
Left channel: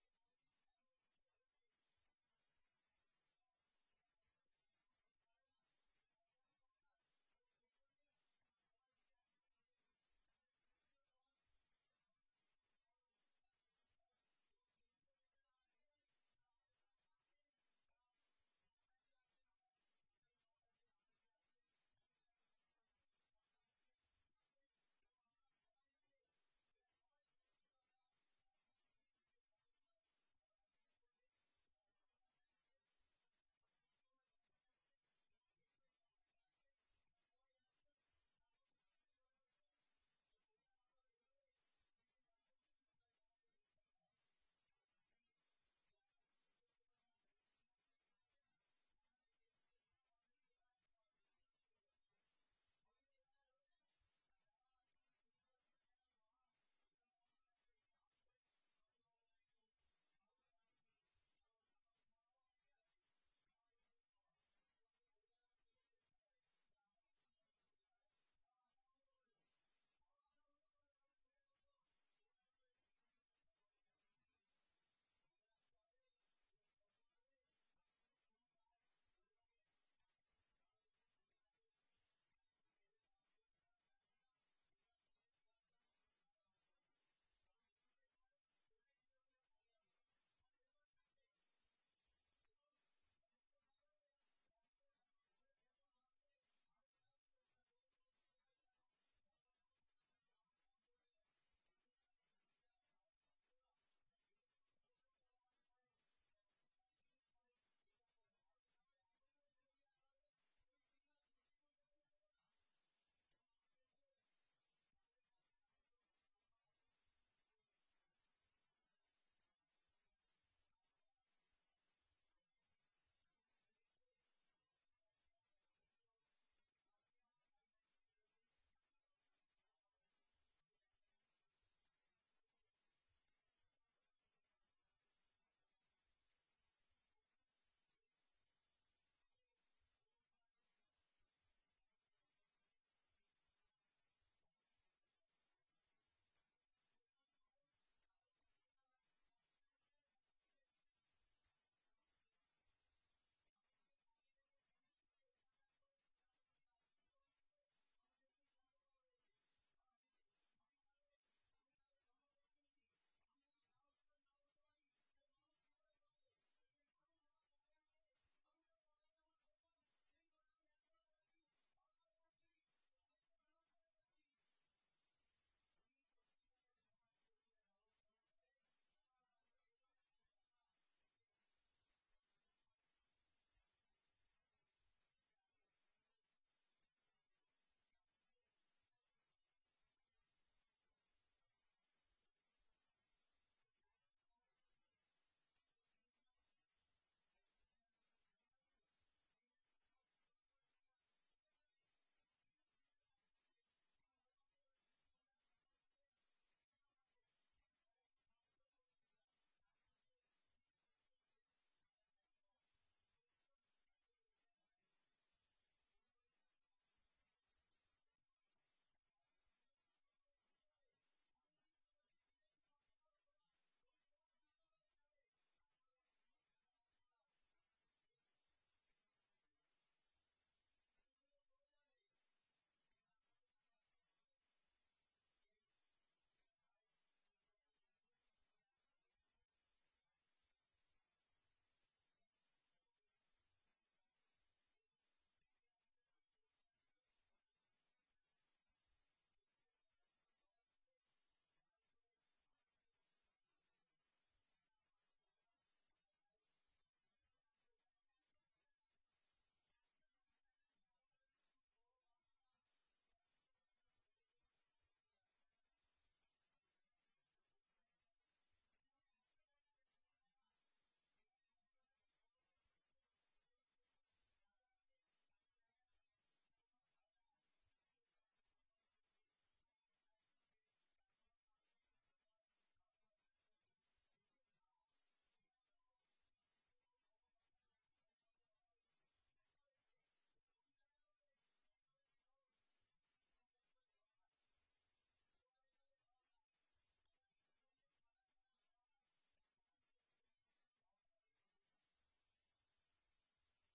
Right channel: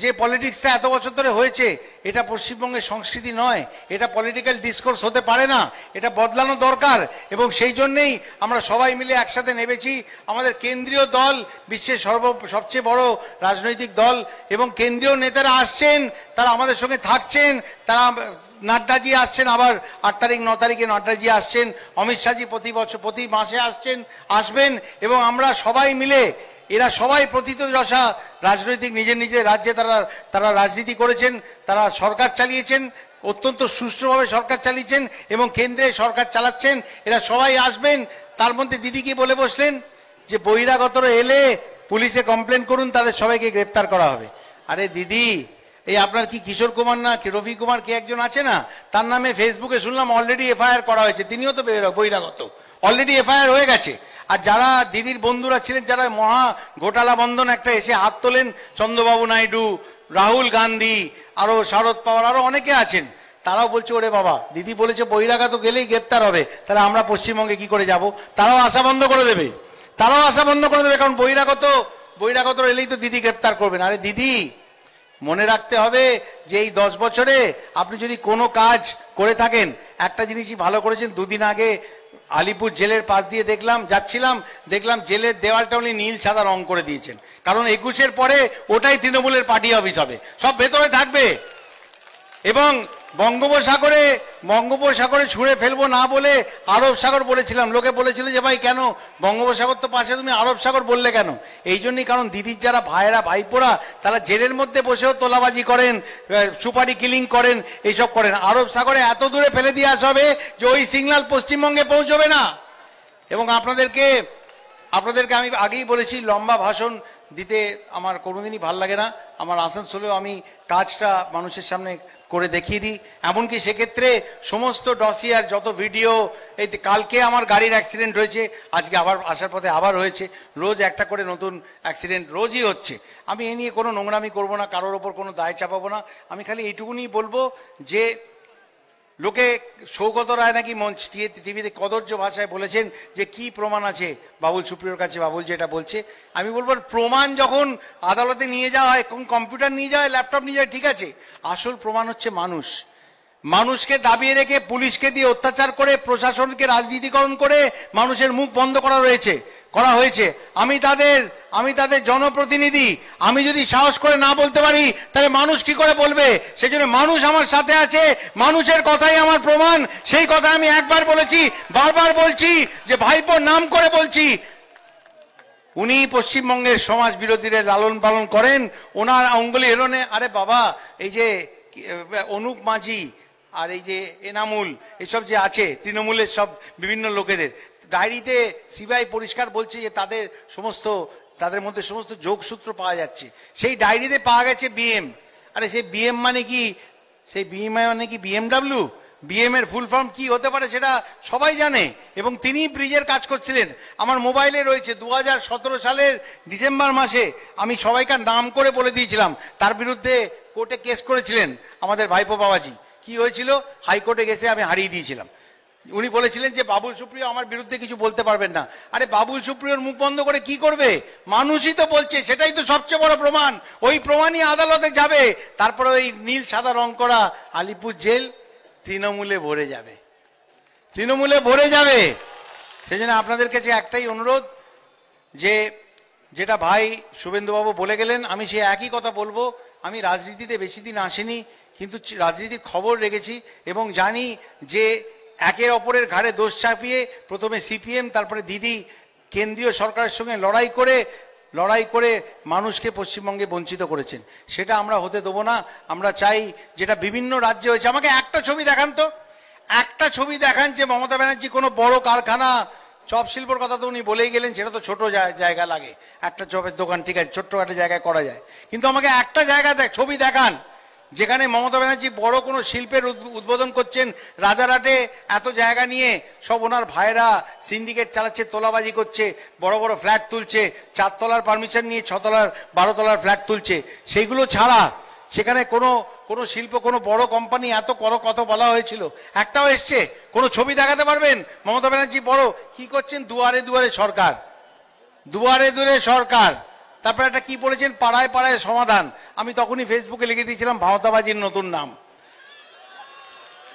যে পলিটিক্সটা এত বছর ধরে হয়েছে এটা পশ্চিমবঙ্গের সংস্কৃতি নয়, এটা পলিটিক্যাল ডিসকোর্স হতে পারে না, এটা বদলানো দরকার। এবং সেই জন্যেই আমরা সবাই মিলে একসাথে নেমেছি। আমাদের কেন্দ্রীয় দল বিশ্বের সবচেয়ে বড় রাজনৈতিক দল এবং কেন্দ্রীয় নেতারা আসছেন, তারা আমাদের সঙ্গে থাকছেন। তারা নাড্ডাজি আসছেন, আবার 8 তারিখ 9 তারিখে নাড্ডাজি আসছেন, অমিত শাহজি প্রতি মাসে আসবেন এবং আমরা সবাই মিলে, এরা সবাই প্রথিতযশা রাজনৈতিক নিজের নিজের রাজ্যে তারা রাজনীতি করেছেন, তারা সরকার চালিয়েছেন, অত্যন্ত সুষ্ঠুভাবে সরকার চালিয়েছেন এবং কেন্দ্রে সরকার চালাচ্ছেন। এরা সবাই আসবেন। তার মধ্যে দিদি কি বলে বসলেন যে বহিরাগতরা এলে পুলিশে কমপ্লেন করুন, তাদের সবাইকে গ্রেপ্তার করা হবে। আরে দিদি, এই আপনার কি কিশোর কুমার না রফি কুমার কে একজন আছে না, তার নামে ফেসবুকে শুনলাম অলরেডি এফআইআর করা হয়েছে, তিনিও তো বহিরাগত, অলরেডি এফআইআর হয়ে গেছে। আর যারা দিদির বন্ধুরা ছিলেন, যারা মহা ঘোটালা বন্ধন একটা এসে হাত তোলেন, চন্দ্রবাবু নাইডু, রাহুল গান্ধী, আরো শারদ পাওয়ার, আরো অনেকে আছেন, তারাও বলছে ওরে বাবা, দিদি বলেছে বহিরাগত গেলেই গ্রেপ্তার হবে, তাহলে আমরা পশ্চিমবঙ্গে কি করে যাব? তারাও আশা বন্ধ করে দেবে, কারণ বহিরাগত এলেই তো দিদি গ্রেপ্তার করবেন। আরে দিদি, মনে রাখতে হবে যে এই 10 বছরে আপনি যদি কোনো কাজ করে থাকেন, একটা জিনিসই ভালো করেছেন। 2 দিন আগে আলিপুর জেলের পাশ দিয়ে দেখলাম জেলের দেওয়ালটা উনি নীল সাদা রং করে দিয়েছেন, কারণ 21-এর পরে ওটাই তৃণমূলের পার্টি অফিস হবে, সব ভেতরে থাকবে। এবং বঙ্গোপসাগরে ছুঁড়ে ফেলবো না বলে আরব সাগর বলেছিলাম, লোকে বলেছিল যে ভাই কেন বঙ্গোপসাগর তো পাশে, তুমি আরব সাগর বললে কেন? এই জন্যই, কারণ দিদির যারা ভাইয়েরা ভাইপোরা তারা জেলের মধ্যে বসেও তোলাবাজি করেন, সুপারি কিলিং করেন, এইসব করেন। আরব সাগরে এত দূরে ফেলে দিয়ে আসা হবে যে ওই সিগন্যাল পশ্চিমবঙ্গে পৌঁছবে না। এবং আপনাদেরকে আমি আগেই বলেছি, লম্বা ভাষণ দিতে আমার কোনোদিনই ভাল লাগে না। আমার আসানসোলেও আমি কাজটা মানুষের সামনে করে দেখিয়ে দিই। এমনকি সেক্ষেত্রে সমস্ত ডসিয়ার যত ভিডিও, এই কালকে আমার গাড়ির অ্যাক্সিডেন্ট হয়েছে, আজকে আবার আসার পথে আবার হয়েছে, রোজ একটা করে নতুন অ্যাক্সিডেন্ট রোজই হচ্ছে। আমি এ নিয়ে কোনো নোংরামি করবো না, কারোর ওপর কোনো দায় চাপাবো না। আমি খালি এইটুকুনি বলবো যে লোকে সৌগত রায় নাকি টিভিতে কদর্য ভাষায় বলেছেন যে কি প্রমাণ আছে বাবুল সুপ্রিয়র কাছে, বাবুল যেটা বলছে। আমি বলবো প্রমাণ যখন আদালতে নিয়ে যাওয়া হয়, কম্পিউটার নিয়ে যাওয়া হয়, ল্যাপটপ নিয়ে যায়, ঠিক আছে, আসল প্রমাণ হচ্ছে মানুষকে দাবিয়ে রেখে পুলিশকে দিয়ে অত্যাচার করে প্রশাসনকে রাজনীতিকরণ করে মানুষের মুখ বন্ধ করা হয়েছে। আমি তাদের জনপ্রতিনিধি, আমি যদি সাহস করে না বলতে পারি তাহলে মানুষ কি করে বলবে? সেই জন্য মানুষ আমার সাথে আছে, মানুষের কথাই আমার প্রমাণ। সেই কথা আমি একবার বলেছি, বারবার বলছি, যে ভাইপোর নাম করে বলছি, উনি পশ্চিমবঙ্গের সমাজ বিরোধীদের লালন পালন করেন, ওনার অঙ্গুলি হেলনে। আরে বাবা, এই যে অনুপ মাঝি আর এই যে এনামুল, এসব যে আছে তৃণমূলের সব বিভিন্ন লোকেদের ডায়েরিতে সিবিআই পরিষ্কার বলছে যে তাদের মধ্যে সমস্ত যোগসূত্র পাওয়া যাচ্ছে। সেই ডায়েরিতে পাওয়া গেছে বিএম। আরে সেই বিএম মানে কি? সেই বিএম মানে কি বিএমডাব্লিউ? বিএম এর ফুল ফর্ম কি হতে পারে সেটা সবাই জানে। এবং তিনি ব্রিজের কাজ করছিলেন, আমার মোবাইলে রয়েছে। 2017 সালের ডিসেম্বর মাসে আমি সবাইকার নাম করে বলে দিয়েছিলাম, তার বিরুদ্ধে কোর্টে কেস করেছিলেন আমাদের ভাইপো বাবাজি। কি হয়েছিল? হাইকোর্টে গেছে আমি হারিয়ে দিয়েছিলাম। উনি বলেছিলেন যে বাবুল সুপ্রিয় আমার বিরুদ্ধে কিছু বলতে পারবেন না। আরে বাবুল সুপ্রিয়র মুখ বন্ধ করে কি করবে? মানুষই তো বলছে, সেটাই তো সবচেয়ে বড় প্রমাণ। ওই প্রমাণই আদালতে যাবে, তারপরে ওই নীল সাদা রং করা আলিপুর জেল তৃণমূলে ভরে যাবে। সেই জন্য আপনাদের কাছে একটাই অনুরোধ, যে যেটা ভাই শুভেন্দুবাবু বলে গেলেন, আমি সে একই কথা বলবো। আমি রাজনীতিতে বেশি দিন আসিনি, কিন্তু রাজনীতির খবর রেখেছি এবং জানি যে একের অপরের ঘাড়ে দোষ চাপিয়ে প্রথমে সিপিএম, তারপরে দিদি কেন্দ্রীয় সরকারের সঙ্গে লড়াই করে মানুষকে পশ্চিমবঙ্গে বঞ্চিত করেছেন। সেটা আমরা হতে দেবো না। আমরা চাই যেটা বিভিন্ন রাজ্যে হয়েছে। আমাকে একটা ছবি দেখান তো, একটা ছবি দেখান যে মমতা ব্যানার্জি কোনো বড় কারখানা, চপ শিল্পর কথা তো উনি বলেই গেলেন, সেটা তো ছোট জায়গা লাগে, একটা চপের দোকান ঠিক আছে, ছোট্ট একটা জায়গায় করা যায়, কিন্তু আমাকে একটা জায়গা ছবি দেখান যেখানে মমতা ব্যানার্জি বড় কোনো শিল্পের উদ্বোধন করছেন, রাজারহাটে এত জায়গা নিয়ে সব ওনার ভাইরা সিন্ডিকেট চালাচ্ছে, তোলাবাজি করছে, বড় বড় ফ্ল্যাট তুলছে, 4 তলার পারমিশন নিয়ে 6 তলার 12 তলার ফ্ল্যাট তুলছে। সেইগুলো ছাড়া সেখানে কোনো শিল্প, কোনো বড় কোম্পানি এত কত বলা হয়েছিল, একটাও এসছে? কোনো ছবি দেখাতে পারবেন মমতা ব্যানার্জি বড় কি করছেন? দুয়ারে দুয়ারে সরকার, দুয়ারে দুয়ারে সরকার। তারপরে একটা কি বলেছেন, পাড়ায় পাড়ায় সমাধান। আমি তখনই ফেসবুকে লিখে দিয়েছিলাম ভাওতাবাজির নতুন নাম।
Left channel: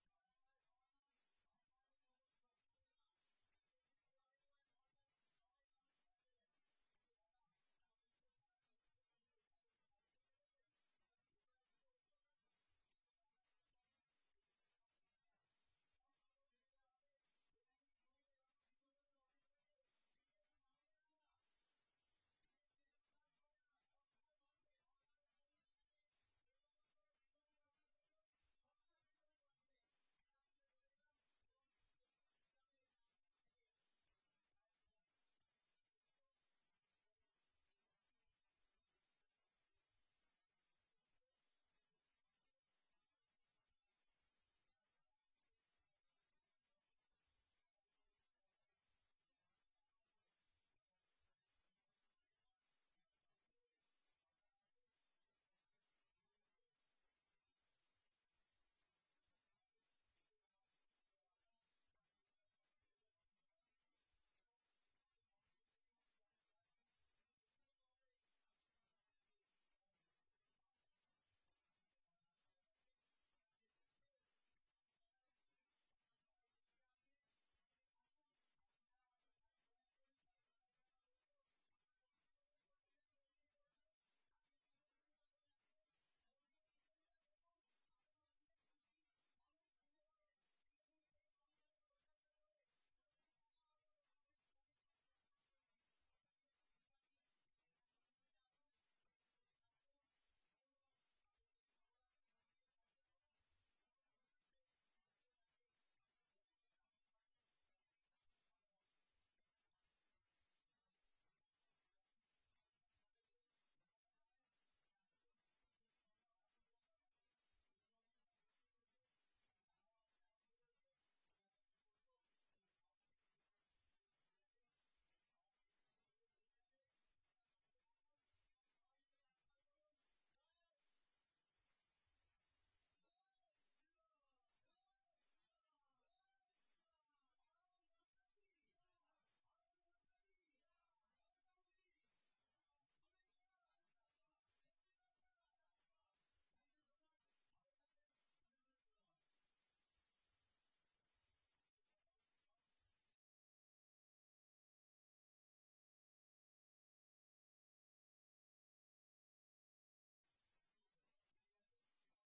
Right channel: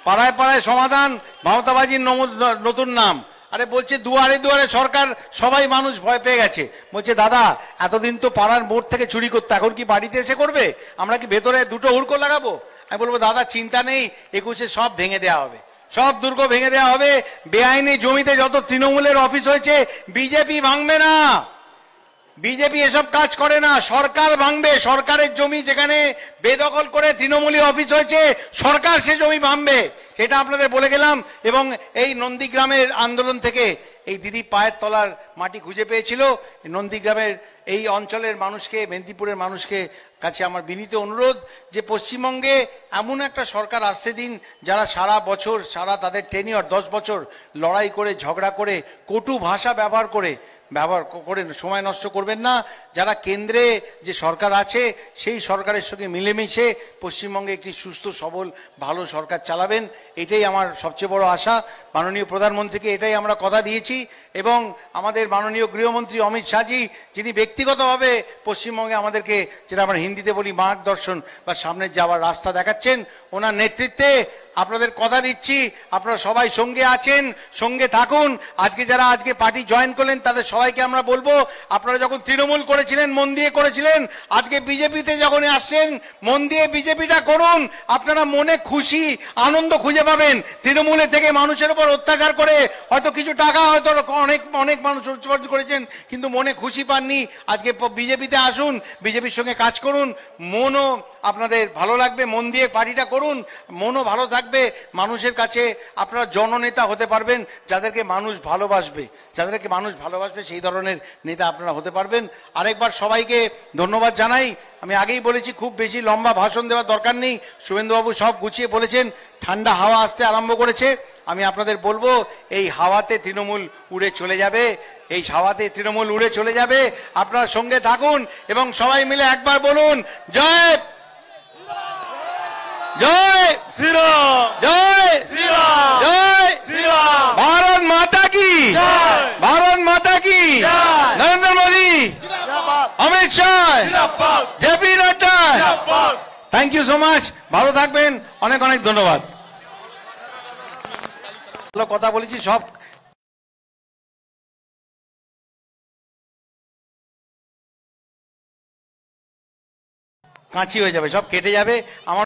পাড়ায় পাড়ায় সমাধান, ভাওতাবাজির নতুন নাম। আরে বলছে দুয়ারে দুয়ারে সরকার, সবাই মানুষ ভয় পেয়ে গেছে। বলছে দাদা এতদিন তো পাড়ার মোড় থেকে চুরি করতো, এখন কি বাড়িতে এসে করবে? আমরা কি ভেতরে দুটো হুড়কো লাগাবো? আমি বলবো দাদা চিন্তা নেই, 21-এ সব ভেঙে দেওয়া হবে, সব দুর্গ ভেঙে দেওয়া হবে। বেআইনি জমিতে যত তৃণমূলের অফিস হয়েছে বিজেপি ভাঙবে না, বিজেপি এসব কাজ করে না, সরকার ভাঙবে। সরকারের জমি যেখানে বেদখল করে তৃণমূলী অফিস হয়েছে, সরকার সে জমি ভাঙবে, সেটা আপনাদের বলে গেলাম। এবং এই নন্দীগ্রামের আন্দোলন থেকে এই দিদি পায়ের তলার মাটি খুঁজে পেয়েছিল। নন্দীগ্রামের এই অঞ্চলের মানুষকে, মেদিনীপুরের মানুষকে কাছে আমার বিনীত অনুরোধ যে পশ্চিমবঙ্গে এমন একটা সরকার আসছে দিন, যারা সারা বছর, সারা তাদের টেনিয়র 10 বছর লড়াই করে, ঝগড়া করে, কটু ভাষা ব্যবহার করে সময় নষ্ট করবেন না। যারা কেন্দ্রে যে সরকার আছে সেই সরকারের সঙ্গে মিলেমিশে পশ্চিমবঙ্গে একটি সুস্থ সবল ভালো সরকার চালাবেন, এটাই আমার সবচেয়ে বড় আশা। মাননীয় প্রধানমন্ত্রীকে এটাই আমরা কথা দিয়েছি। এবং আমাদের মাননীয় গৃহমন্ত্রী অমিত শাহজি, যিনি ব্যক্তিগতভাবে পশ্চিমবঙ্গে আমাদেরকে, যেটা আমরা হিন্দিতে বলি, মার্গদর্শন বা সামনের যাওয়ার রাস্তা দেখাচ্ছেন, ওনার নেতৃত্বে আপনাদের কথা দিচ্ছি আপনারা সবাই সঙ্গে আছেন, সঙ্গে থাকুন। আজকে পার্টি জয়েন করলেন তাদের সবাইকে আমরা বলবো, আপনারা যখন তৃণমূল করেছিলেন মন দিয়ে করেছিলেন, আজকে বিজেপিতে যখন আসছেন মন দিয়ে বিজেপিটা করুন। আপনারা মনে খুশি আনন্দ খুঁজে পাবেন। তৃণমূলের থেকে মানুষের উপর অত্যাচার করে হয়তো কিছু টাকা হয়তো অনেক মানুষ উৎপাদন করেছেন, কিন্তু মনে খুশি পাননি। আজকে বিজেপিতে আসুন, বিজেপির সঙ্গে কাজ করুন, মনও আপনাদের ভালো লাগবে। মন দিয়ে পার্টিটা করুন, মনও ভালো থাকবে। মানুষের কাছে আপনারা জননেতা হতে পারবেন, যাদেরকে মানুষ ভালোবাসবে, সেই ধরনের নেতা আপনারা হতে পারবেন। আরেকবার সবাইকে ধন্যবাদ জানাই। আমি আগেই বলেছি খুব বেশি লম্বা ভাষণ দেওয়ার দরকার নেই, শুভেন্দুবাবু সব গুছিয়ে বলেছেন। ঠান্ডা হাওয়া আসতে আরম্ভ করেছে। আমি আপনাদের বলবো এই হাওয়াতে তৃণমূল উড়ে চলে যাবে, এই হাওয়াতে তৃণমূল উড়ে চলে যাবে। আপনারা সঙ্গে থাকুন এবং সবাই মিলে একবার বলুন জয় জয় শ্রীরাম, জয় শ্রীরাম, জয় শ্রীরাম। ভারত মাতা কি জয়, ভারত মাতা কি জয়। Narendra Modi, Amit Shah, JP Nadda. Thank you so much. ভালো থাকবেন, অনেক অনেক ধন্যবাদ। ভালো কথা বলেছি, সব কাঁচি হয়ে যাবে, সব কেটে যাবে। আমার